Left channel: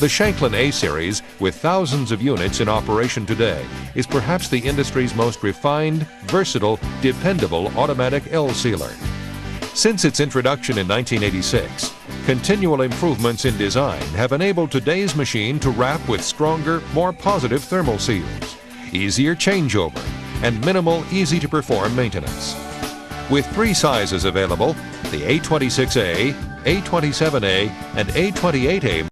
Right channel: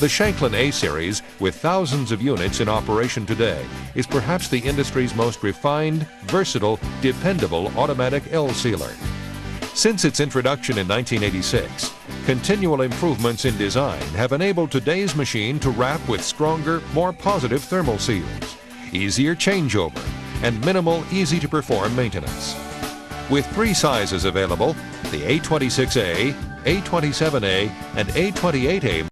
The Shanklin A-Series, with thousands of units in operation today, is perhaps the industry's most refined, versatile, dependable automatic L-sealer. Since its introduction in 1986, continual improvements in design have enabled today's machine to wrap with stronger, more positive thermal seals, easier changeover, and minimal, easy-to-perform maintenance. With 3 sizes available, the A-26A, A-27A, and A-28A.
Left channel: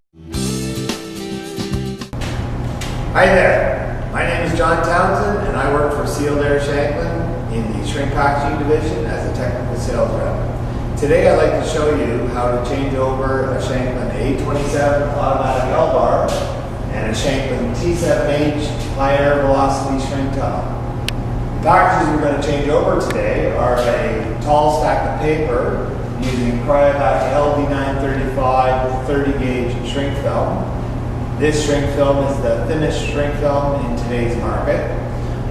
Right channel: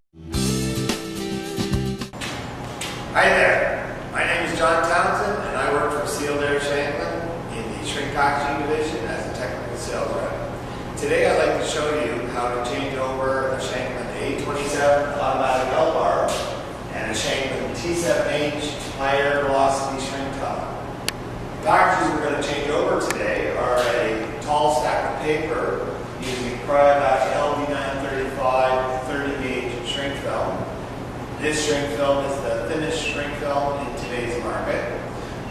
Hi there, my name is John Townsend and I work for Sealed Air Shanklin in the Shrink Packaging Division as a technical sales rep. Today I'd like to show you how to change over a Shanklin A-27 automatic L-bar and a Shanklin T7H high air velocity shrink tunnel. The packages we're going to change over today are a tall stack of paper using Cryovac LD935 30 gauge shrink film. This shrink film is the thinnest shrink film in today's market.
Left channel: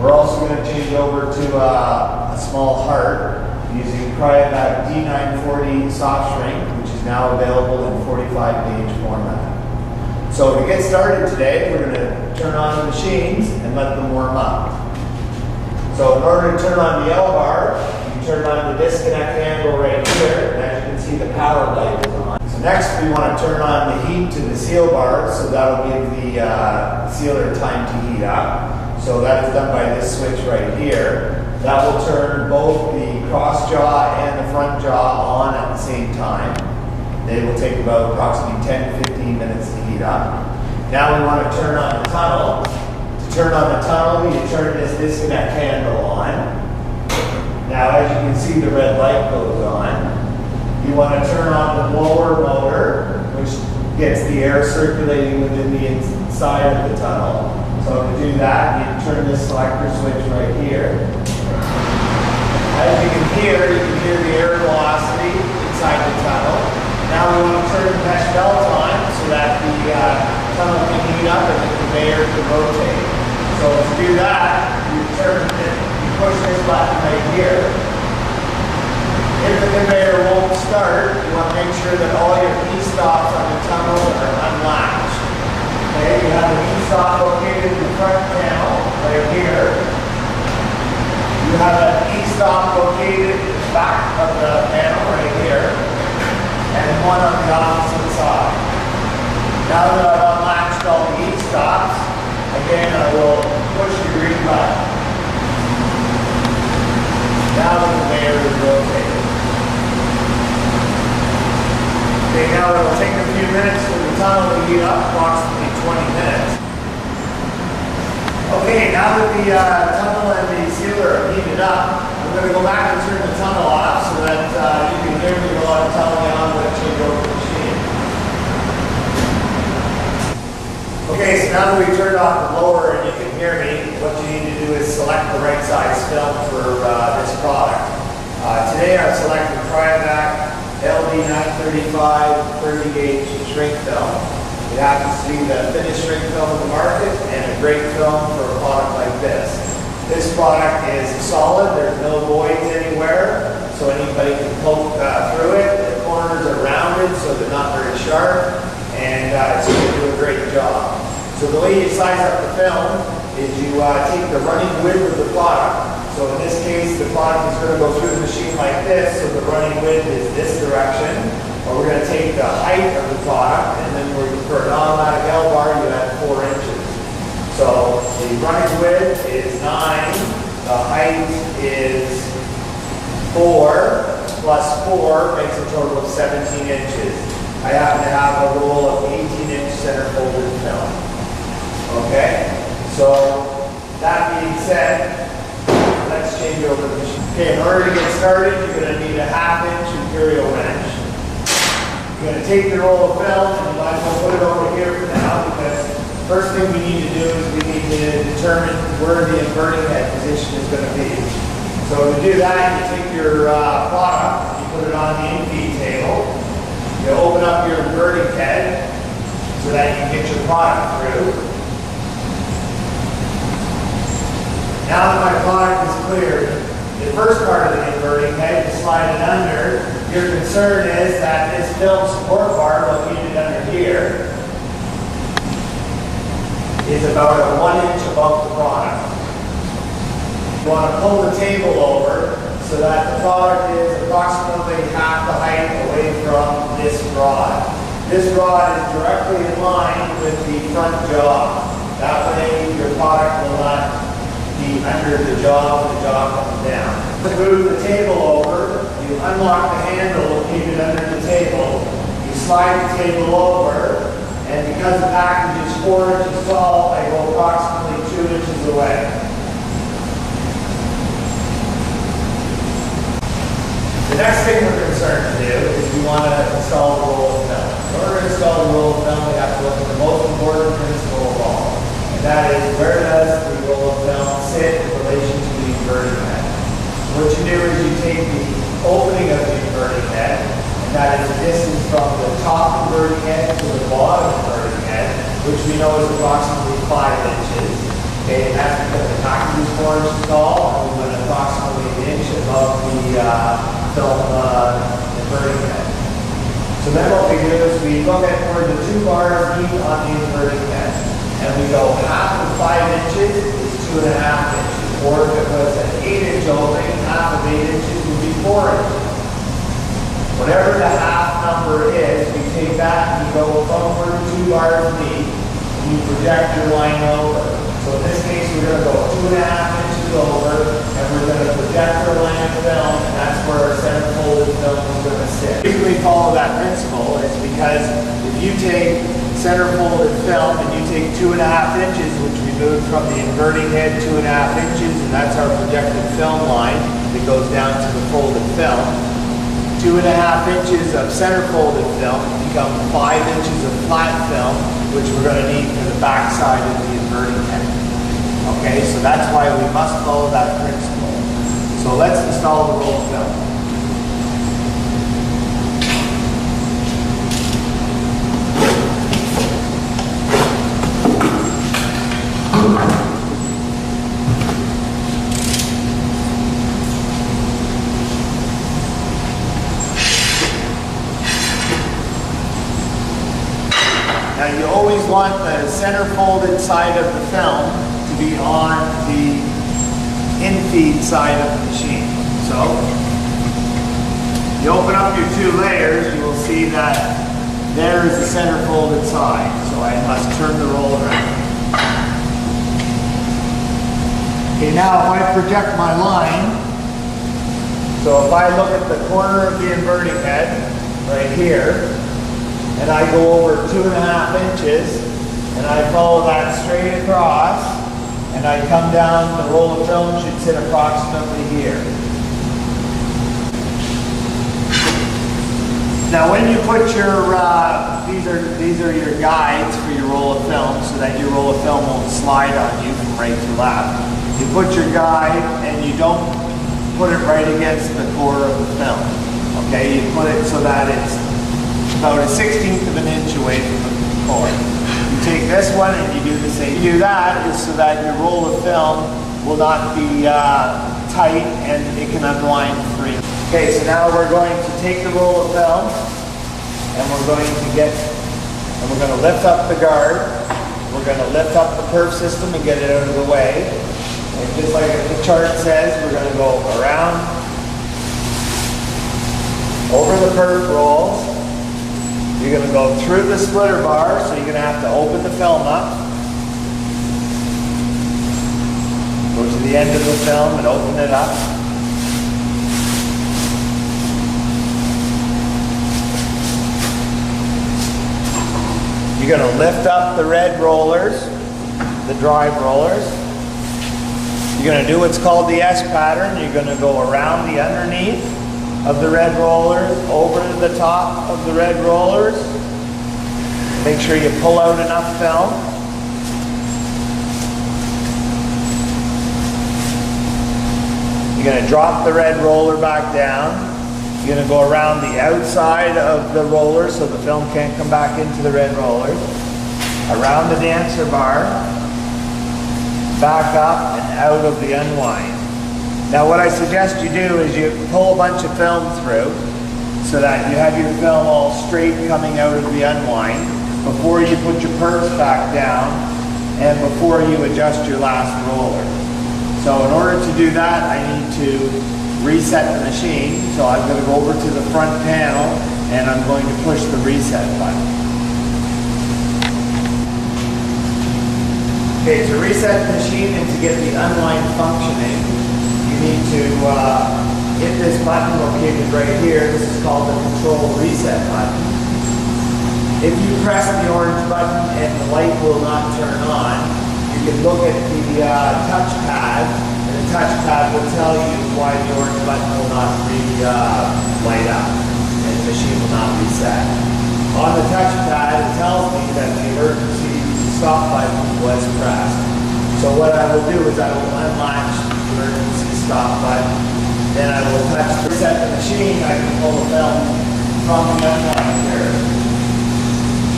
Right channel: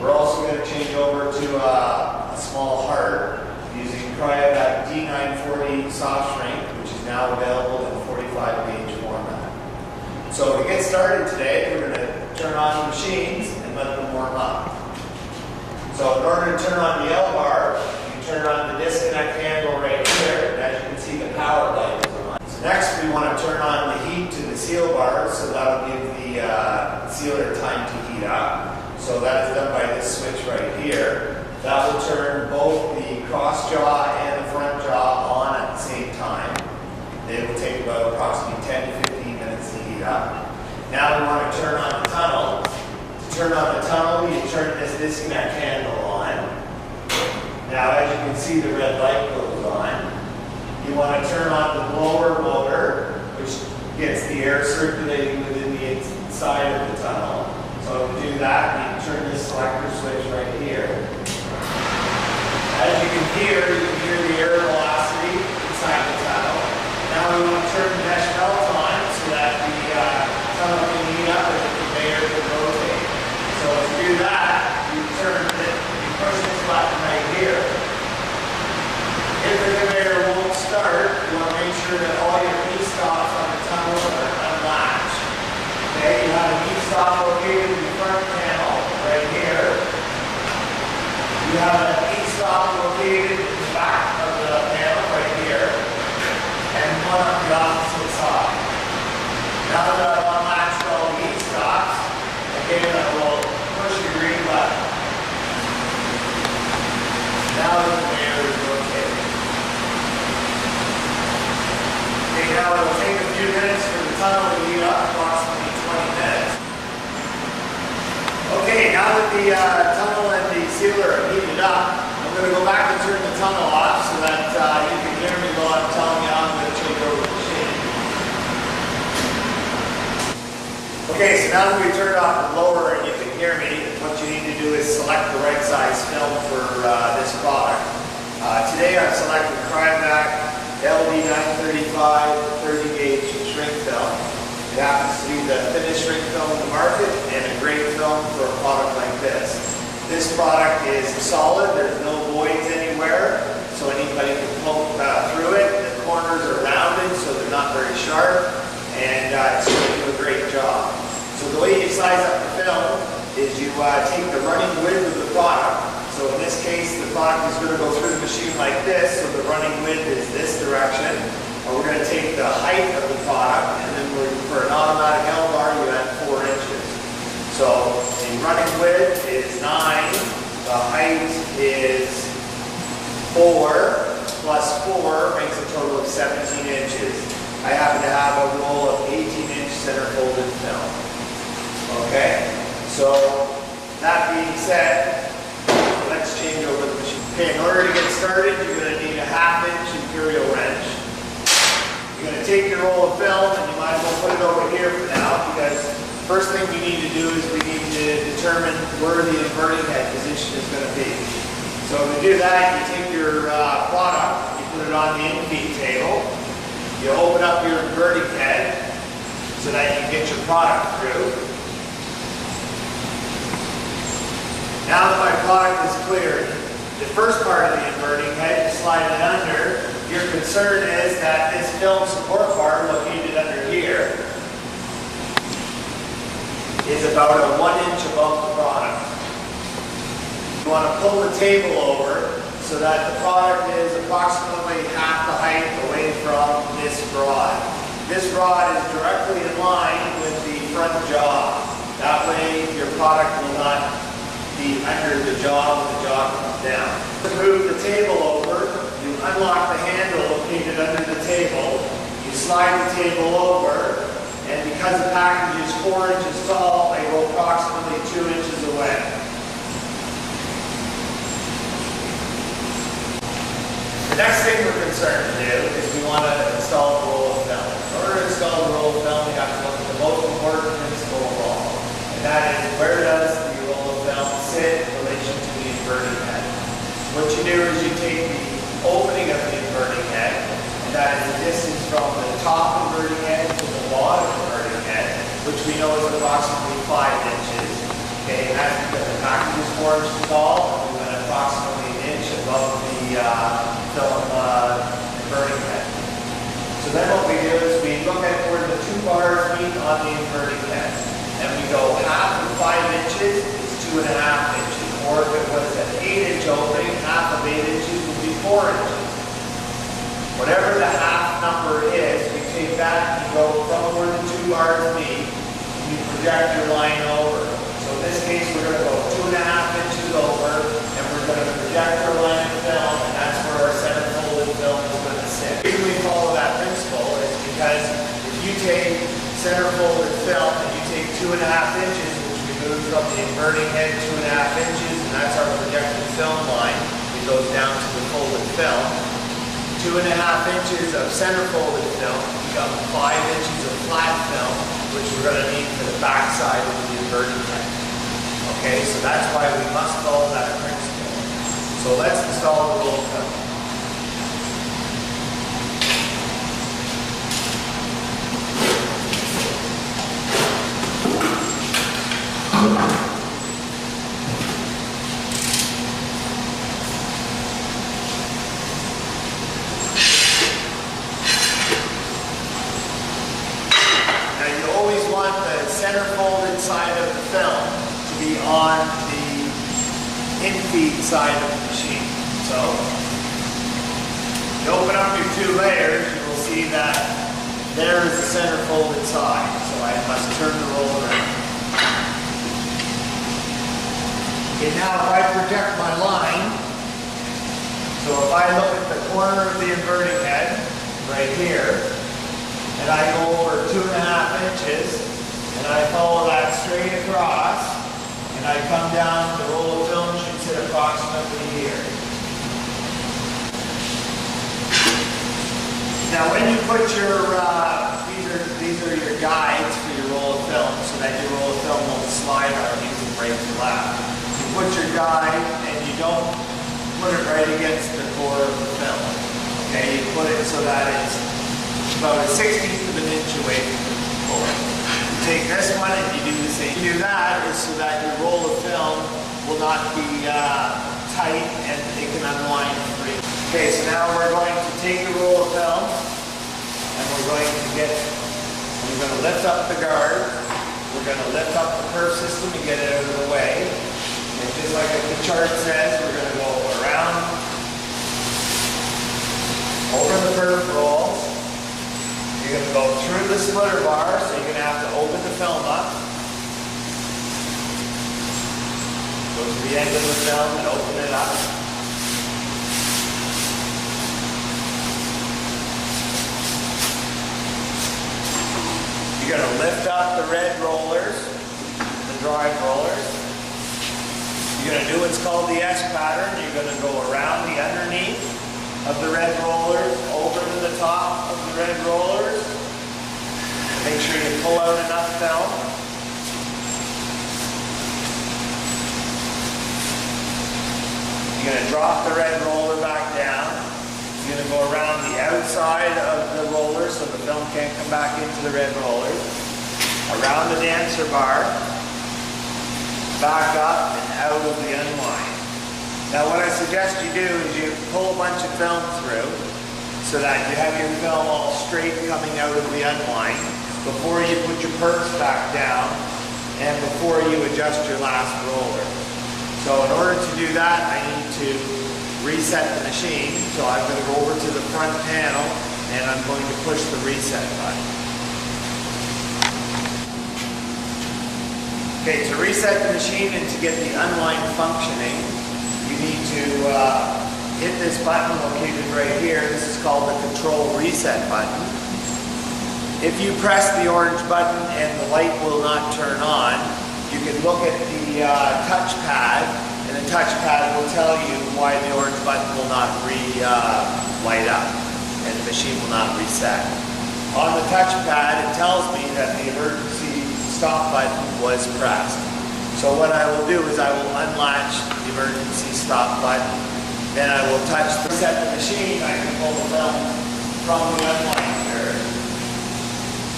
We're also going to change over to a small heart using Cryovac D940 soft shrink, which is now available in 45 gauge format. So to get started today, we're going to turn on the machines and let them warm up. So in order to turn on the L-bar, you turn on the disconnect handle right here, and as you can see the power light is on. So next we want to turn on the heat to the seal bar, so that'll give the sealer time to heat up. So that is done by this switch right here. That will turn both the cross jaw and the front jaw on at the same time. They will take about approximately 10 to 15 minutes to heat up. Now we want to turn on the tunnel. To turn on the tunnel, you turn this disconnect handle on. Now as you can see, the red light goes on. You want to turn on the blower motor, which gets the air circulating within the inside of the tunnel. So to do that, you turn this selector switch right here. As you can hear the air velocity inside the tunnel. Now we want to turn the mesh belt on so that the tunnel can heat up and the conveyor can rotate. So to do that, you push this button right here. If the conveyor won't start, you want to make sure that all your e-stops on the tunnel are unlatched. Okay, you have an e-stop located in the front panel right here. You have an e-stop located in the back of the panel right here, and one on the opposite side. Now that I've unlatched all the e-stops, again I will push the green button. Now the conveyor is rotating. Okay, now it will take a few minutes for the tunnel to heat up, approximately 20 minutes. Okay, now that the tunnel and the sealer are heated up, I'm going to go back and turn the tunnel off so that you can hear me while I'm telling you how I'm going to change over the machine. Okay, so now that we've turned off the blower and you can hear me, what you need to do is select the right size film for this product. Today I've selected Cryovac LD935 30 gauge shrink film. It happens to be the thinnest shrink film in the market and a great film for a product like this. This product is solid, there's no voids anywhere, so anybody can poke through it. The corners are rounded, so they're not very sharp, and it's going to do a great job. So the way you size up the film is you take the running width of the product. So in this case, the product is going to go through the machine like this, so the running width is this direction. Or we're going to take the height of the product, and then for an automatic L-bar, you add 4 inches. So the running width is 9, the height is 4, plus 4 makes a total of 17 inches. I happen to have a roll of 18-inch center folded film. Okay, so that being said, let's change over the machine. Okay, in order to get started, you're going to need a 1/2-inch imperial wrench. You're going to take your roll of film and you might as well put it over here for now, because first thing we need to do is we need to determine where the inverting head position is going to be. So to do that, you take your product, you put it on the in-feed table, you open up your inverting head so that you can get your product through. Now that my product is cleared, the first part of the inverting head, you slide it under. Your concern is that this film support bar located under here is about a 1 inch above the product. You want to pull the table over so that the product is approximately half the height away from this rod. This rod is directly in line with the front jaw. That way your product will not be under the jaw when the jaw comes down. To move the table over, you unlock the handle located under the table, you slide the table over, and because the package is 4 inches tall, I go approximately 2 inches away. The next thing we're concerned to do is we want to install the roll of film. In order to install the roll of film, we have to look at the most important principle of all. And that is, where does the roll of film sit in relation to the inverting head? What you do is you take the opening of the inverting head, and that is the distance from the top inverting head to the bottom inverting head, which we know is approximately 5 inches. Okay, and that's because the package is 4 inches tall, and we went approximately an inch above the film inverting head. So then what we do is we look at where the 2 bars meet on the inverting head. And we go half of 5 inches is 2.5 inches. Or if it was an 8-inch opening, half of 8 inches would be 4 inches. Whatever the half number is, we take that and you go from where the 2 bars meet, and you project your line over. So in this case, we're going to go 2.5 inches over, and we're going to project our line of film, and that's where our center folded film is going to sit. The reason we follow that principle is because if you take center folded film and you take 2.5 inches, which we moved from the inverting head 2.5 inches, and that's our projected film line that goes down to the folded film. 2.5 inches of center folded film become 5 inches of flat film, which we're going to need for the back side of the inverting head. Okay, so that's why we must follow that principle. So let's install the roll of film. Now you always want the center folded side of the film to be on the in-feed side of the machine. So, you open up your 2 layers, you will see that there is the center folded side. So I must turn the roll around. Okay, now if I project my line, so if I look at the corner of the inverting head, right here, and I go over 2.5 inches, and I follow that straight across, and I come down, the roll of film should sit approximately here. Now when you put your, these are your guides for your roll of film, so that your roll of film won't slide on you from right to left. You put your guide, and you don't put it right against the core of the film. Okay, you put it so that it's about a 1/16 of an inch away from the core. You take this one and you do the same. You do that is so that your roll of film will not be tight and it can unwind free. Okay, so now we're going to take the roll of film and we're going to lift up the guard. We're going to lift up the perf system and get it out of the way. And just like the chart says, we're going to go around, over the perf roll. You're going to go through the splitter bar, so you're going to have to open the film up. Go to the end of the film and open it up. You're going to lift up the red rollers, the drive rollers. You're going to do what's called the S pattern. You're going to go around the underneath of the red rollers, over to the top of the red rollers. Make sure you pull out enough film. You're going to drop the red roller back down. You're going to go around the outside of the roller so the film can't come back into the red rollers. Around the dancer bar, back up and out of the unwind. Now what I suggest you do is you pull a bunch of film through so that you have your film all straight coming out of the unwind. Before you put your perfs back down, and before you adjust your last roller. So in order to do that, I need to reset the machine. So I'm going to go over to the front panel and I'm going to push the reset button. Okay, to reset the machine and to get the unwind functioning, you need to hit this button located right here. This is called the control reset button. If you press the orange button and the light will not turn on, you can look at the touchpad, and the touchpad will tell you why the orange button will not light up and the machine will not reset. On the touchpad, it tells me that the emergency stop button was pressed. So what I will do is I will unlatch the emergency stop button, then I will reset the machine. I can pull the film from the unwind here.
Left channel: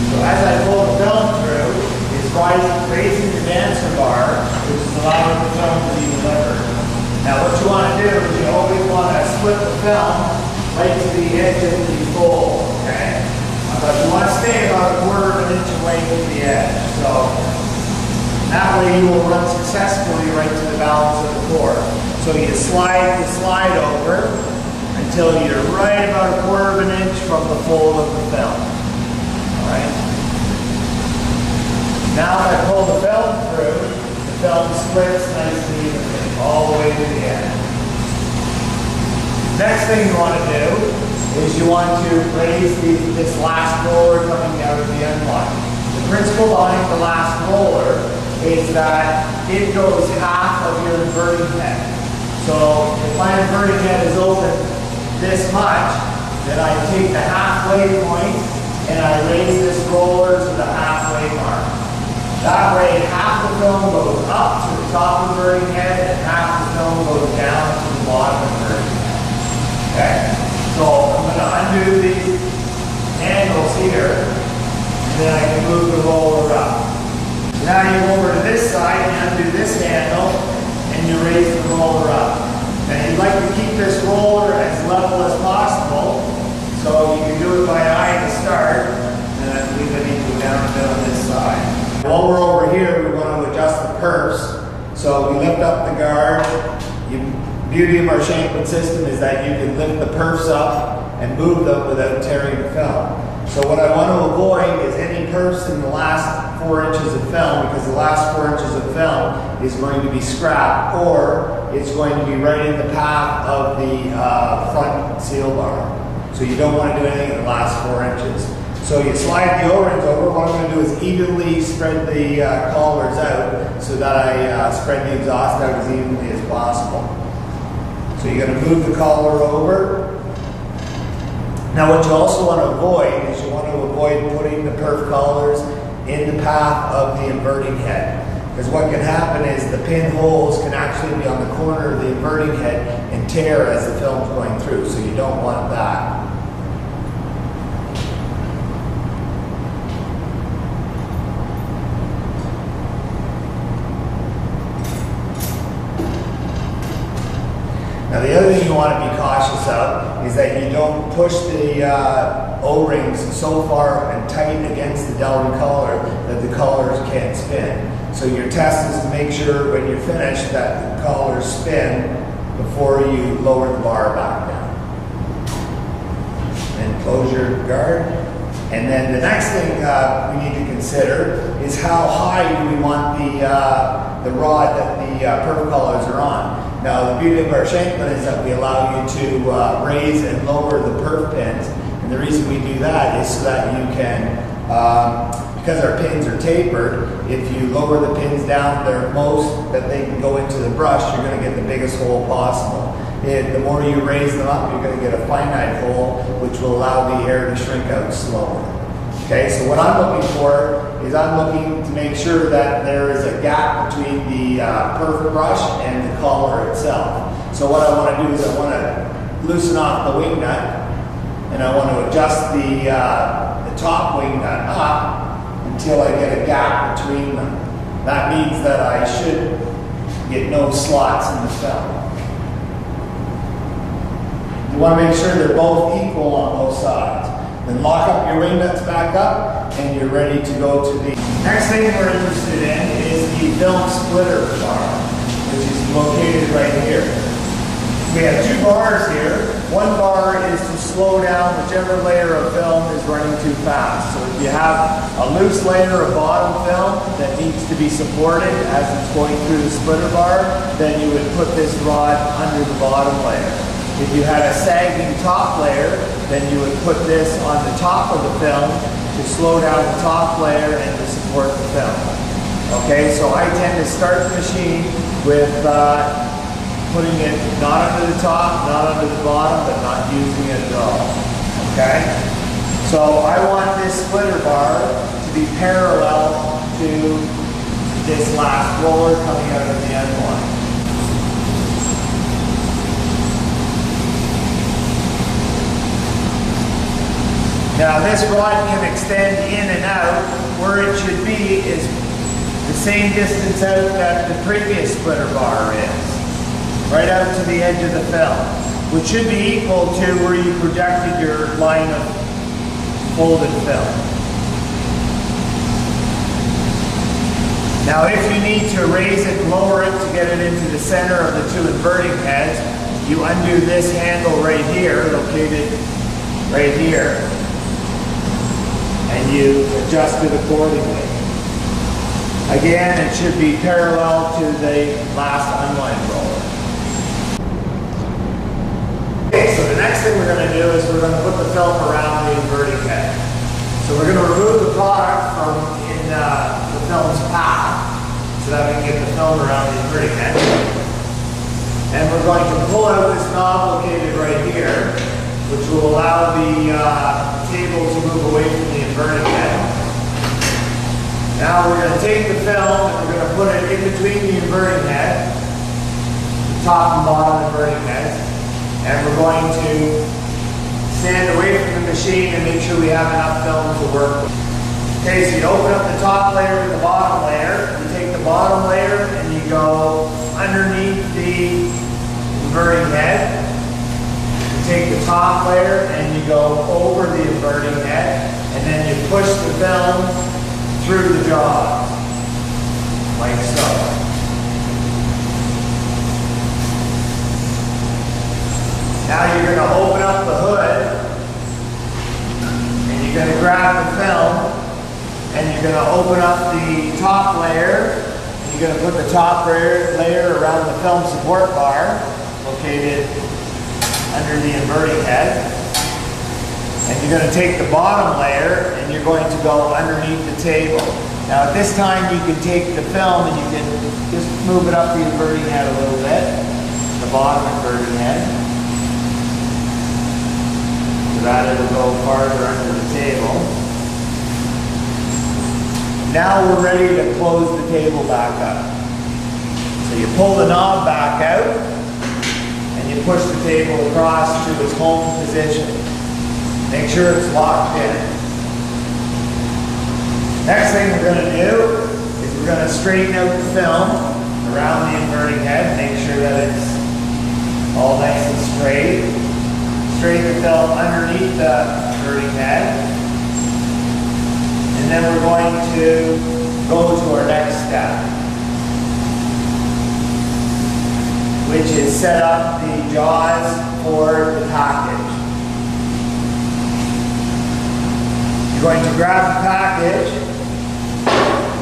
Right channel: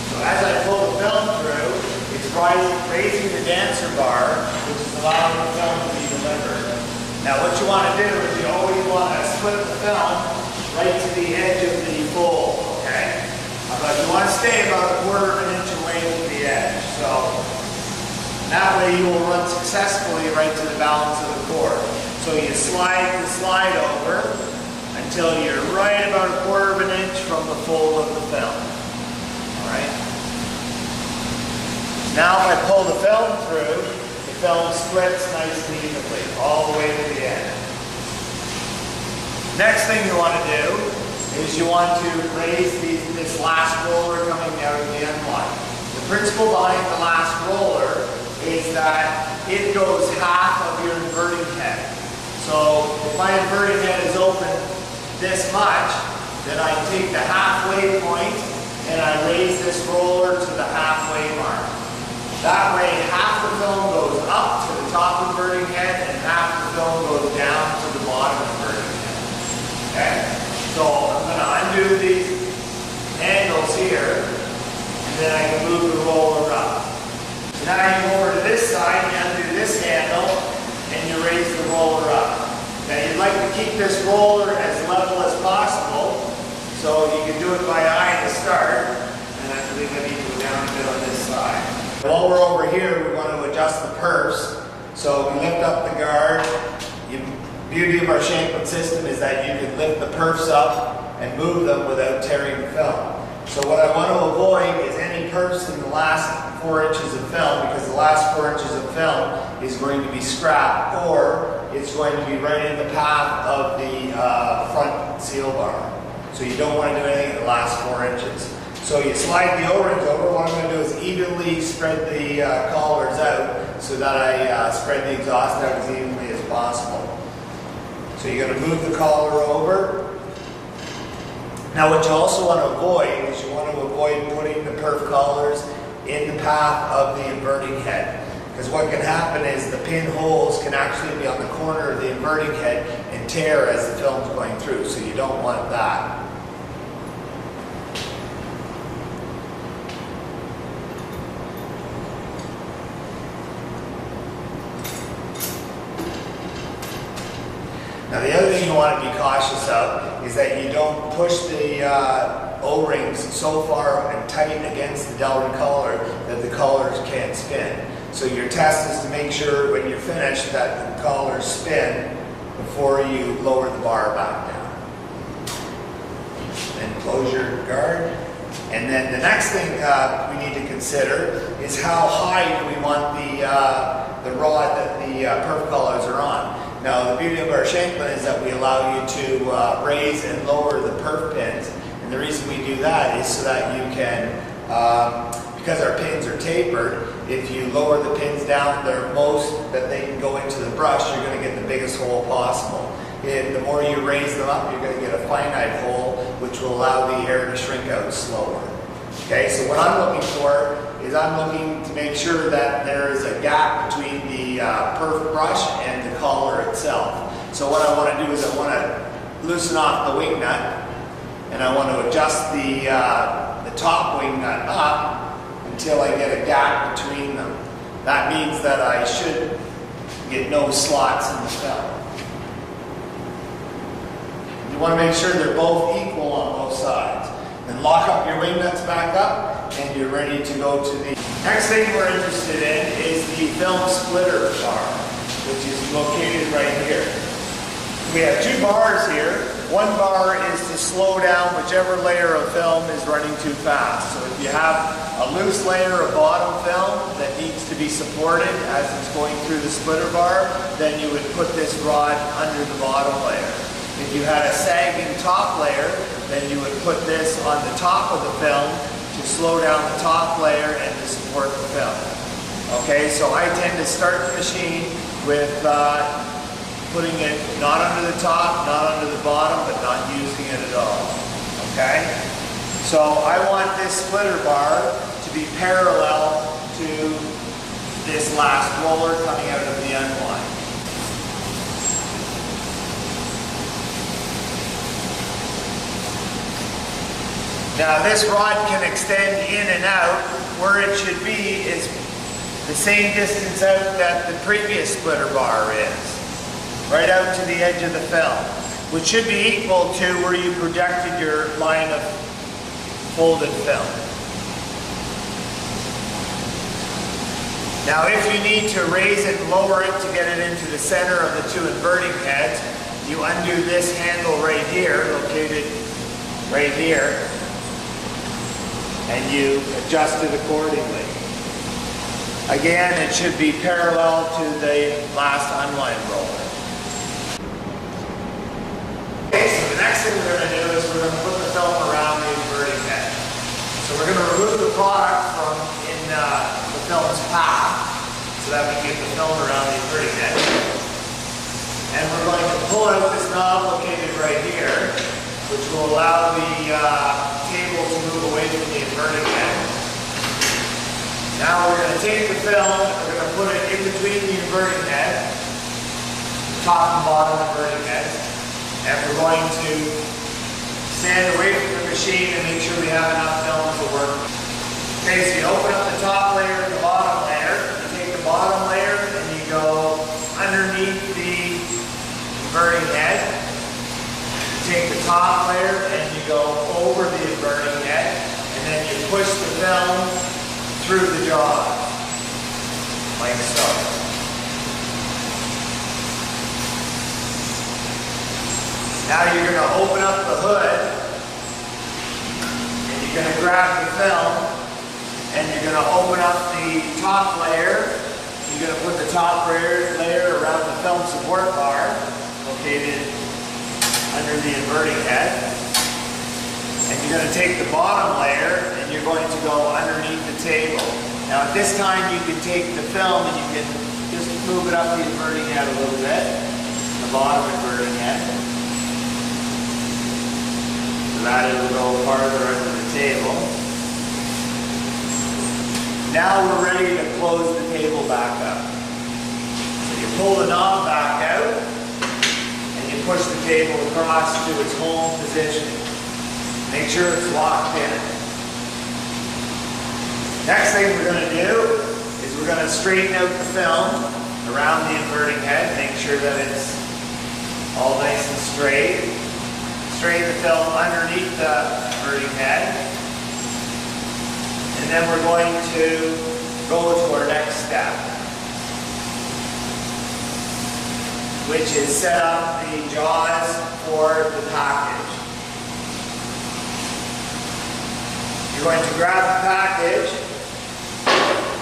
So as I pull the film through, it's raising the dancer bar, which is allowing the film to be delivered. Now what you want to do is you always want to split the film right to the edge of the fold, okay? But you want to stay about 1/4 of an inch away from the edge. So that way you will run successfully right to the balance of the cord. So you slide the slide over until you're right about 1/4 of an inch from the fold of the film. Alright? Now if I pull the film through, the film splits nice and evenly, all the way to the end. Next thing you want to do is you want to raise this last roller coming out of the unwind. The principle behind the last roller is that it goes half of your inverting head. So if my inverting head is open this much, then I take the halfway point and I raise this roller to the halfway mark. That way half the film goes up to the top inverting head and half the film goes down to the bottom inverting head. Okay? So I'm going to undo these handles here and then I can move the roller up. So now you go over to this side and undo this handle and you raise the roller up. Now you'd like to keep this roller as level as possible, so you can do it by eye to start, and I believe I need to go down a bit on this side. While we're over here, we want to adjust the perfs. So we lift up the guard. The beauty of our Shanklin system is that you can lift the perfs up and move them without tearing the film. So what I want to avoid is any perfs in the last 4 inches of film, because the last 4 inches of film is going to be scrap, or it's going to be right in the path of the front seal bar. So you don't want to do anything in the last 4 inches. So you slide the O-rings over. What I'm going to do is evenly spread the collars out so that I spread the exhaust out as evenly as possible. So you're going to move the collar over. Now what you also want to avoid is you want to avoid putting the perf collars in the path of the inverting head. Because what can happen is the pin holes can actually be on the corner of the inverting head and tear as the film's going through. So you don't want that. Now the other thing you want to be cautious of is that you don't push the O-rings so far and tight against the Delrin collar that the collars can't spin. So your test is to make sure when you're finished that the collars spin before you lower the bar back down. Then close your guard. And then the next thing we need to consider is how high do we want the rod that the perf collars are on. Now the beauty of our Shanklin is that we allow you to raise and lower the perf pins, and the reason we do that is so that you can, because our pins are tapered, if you lower the pins down to their most that they can go into the brush, you're going to get the biggest hole possible. The more you raise them up, you're going to get a finite hole, which will allow the air to shrink out slower. Okay, so what I'm looking for is I'm looking to make sure that there is a gap between the perf brush and the collar itself. So what I want to do is I want to loosen off the wing nut, and I want to adjust the top wing nut up until I get a gap between them. That means that I should get no slots in the film. You want to make sure they're both equal on both sides. Then lock up your wing nuts back up and you're ready to go to the Next thing we're interested in is the film splitter bar, which is located right here. We have two bars here. One bar is to slow down whichever layer of film is running too fast. So if you have a loose layer of bottom film that needs to be supported as it's going through the splitter bar, then you would put this rod under the bottom layer. If you had a sagging top layer, then you would put this on the top of the film to slow down the top layer and to support the film. Okay, so I tend to start the machine with putting it not under the top, not under the bottom, but not using it at all. Okay? So I want this splitter bar to be parallel to this last roller coming out of the unwind. Now this rod can extend in and out. Where it should be is the same distance out that the previous splitter bar is. Right out to the edge of the film, which should be equal to where you projected your line of folded film. Now if you need to raise it and lower it to get it into the center of the two inverting heads, you undo this handle right here, located right here, and you adjust it accordingly. Again, it should be parallel to the last unwind roller. Okay, so the next thing we're going to do is we're going to put the film around the inverting head. So we're going to remove the product from the film's path so that we can get the film around the inverting head. And we're going to pull out this knob located right here, which will allow the table to move away from the inverting head. Now we're going to take the film and we're going to put it in between the inverting head, the top and bottom inverting heads. And we're going to stand away from the machine and make sure we have enough film to work with. Okay, so you open up the top layer and the bottom layer. You take the bottom layer and you go underneath the inverting head. You take the top layer and you go over the inverting head. And then you push the film through the jaws, like so. Now you're going to open up the hood, and you're going to grab the film, and you're going to open up the top layer. You're going to put the top layer around the film support bar, located under the inverting head. And you're going to take the bottom layer, and you're going to go underneath the table. Now at this time you can take the film and you can just move it up the inverting head a little bit, the bottom inverting head. So that it'll go farther under the table. Now we're ready to close the table back up. So you pull the knob back out and you push the table across to its home position. Make sure it's locked in. Next thing we're going to do is we're going to straighten out the film around the inverting head. Make sure that it's all nice and straight. Straighten the film underneath the inverting head. And then we're going to go to our next step, which is set up the jaws for the package. You're going to grab the package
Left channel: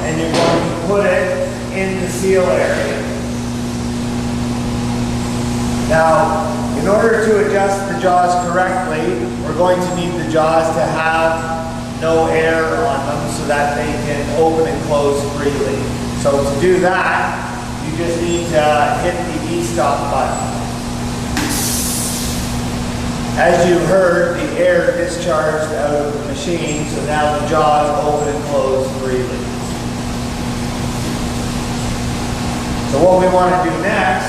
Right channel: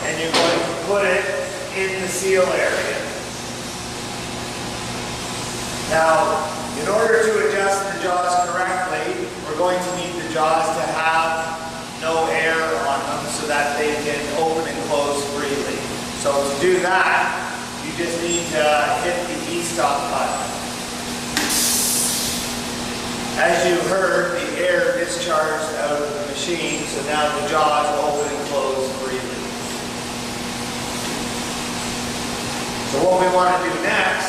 and you're going to put it in the seal area. Now, in order to adjust the jaws correctly, we're going to need the jaws to have no air on them so that they can open and close freely. So to do that, you just need to hit the E-stop button. As you heard, the air discharged out of the machine, so now the jaws open and close freely. So what we want to do next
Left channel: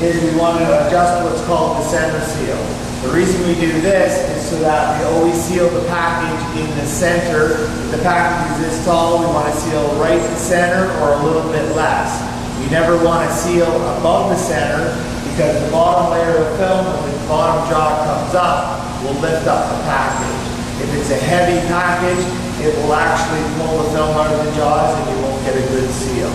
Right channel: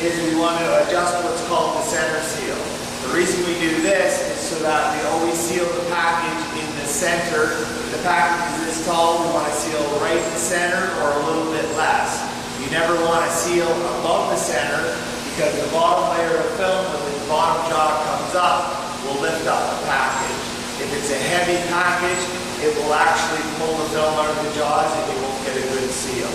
is we want to adjust what's called the center seal. The reason we do this is so that we always seal the package in the center. If the package is this tall, we want to seal right in the center or a little bit less. You never want to seal above the center because the bottom layer of film, when the bottom jaw comes up, will lift up the package. If it's a heavy package, it will actually pull the film out of the jaws and you won't get a good seal.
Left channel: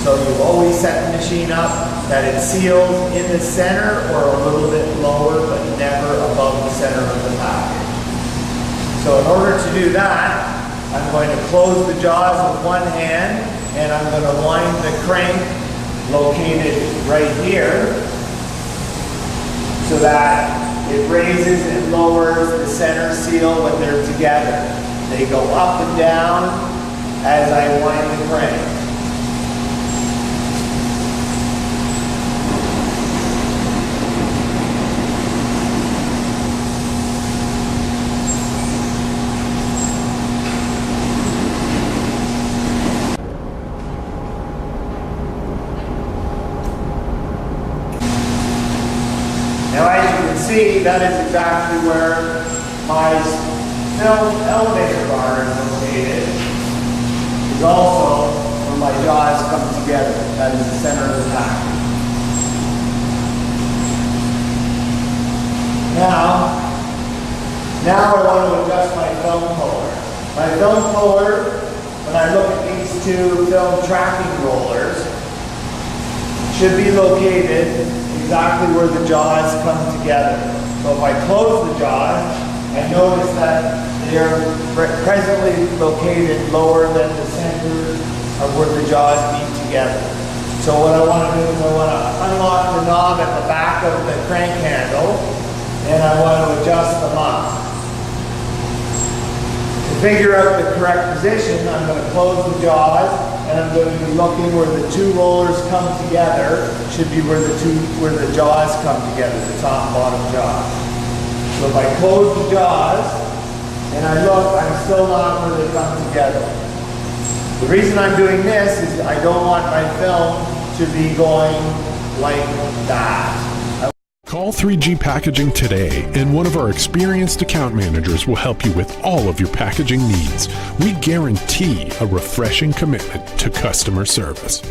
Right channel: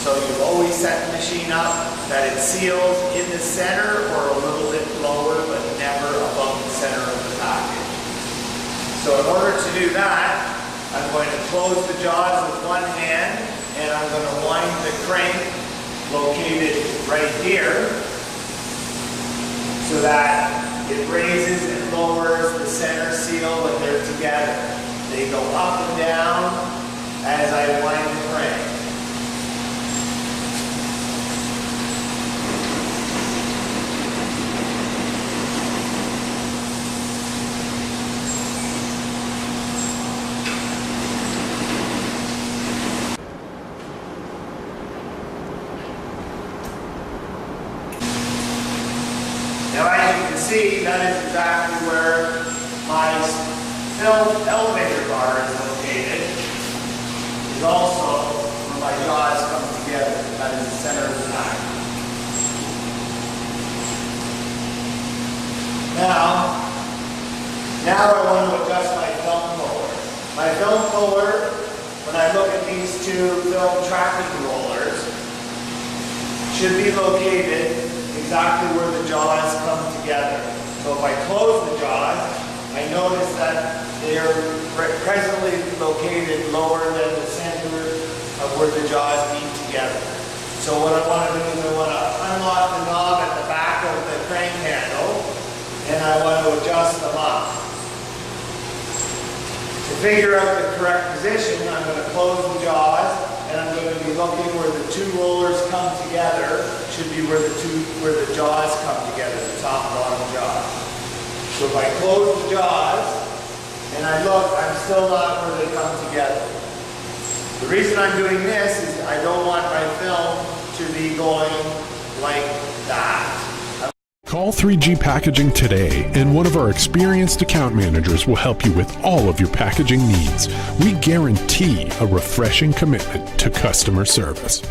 So you always set the machine up that it seals in the center or a little bit lower, but never above the center of the package. So in order to do that, I'm going to close the jaws with one hand, and I'm going to wind the crank located right here so that it raises and lowers the center seal when they're together. They go up and down as I wind the crank. Now, as you can see, that is exactly where my film elevator bar is located. Is also where my jaws come together. That is the center of the package. Now I want to adjust my film puller. My film puller, when I look at these two film tracking rollers, should be located exactly where the jaws come together. So if I close the jaws, I notice that they are presently located lower than the center of where the jaws meet together. So what I want to do is I want to unlock the knob at the back of the crank handle, and I want to adjust them up. To figure out the correct position, I'm going to close the jaws, and I'm going to be looking where the two rollers come together. Should be where the jaws come together, the top and bottom jaws. So if I close the jaws and I look, I'm still not where they come together. The reason I'm doing this is I don't want my film to be going like that. Call 3G Packaging today, and one of our experienced account managers will help you with all of your packaging needs. We guarantee a refreshing commitment to customer service.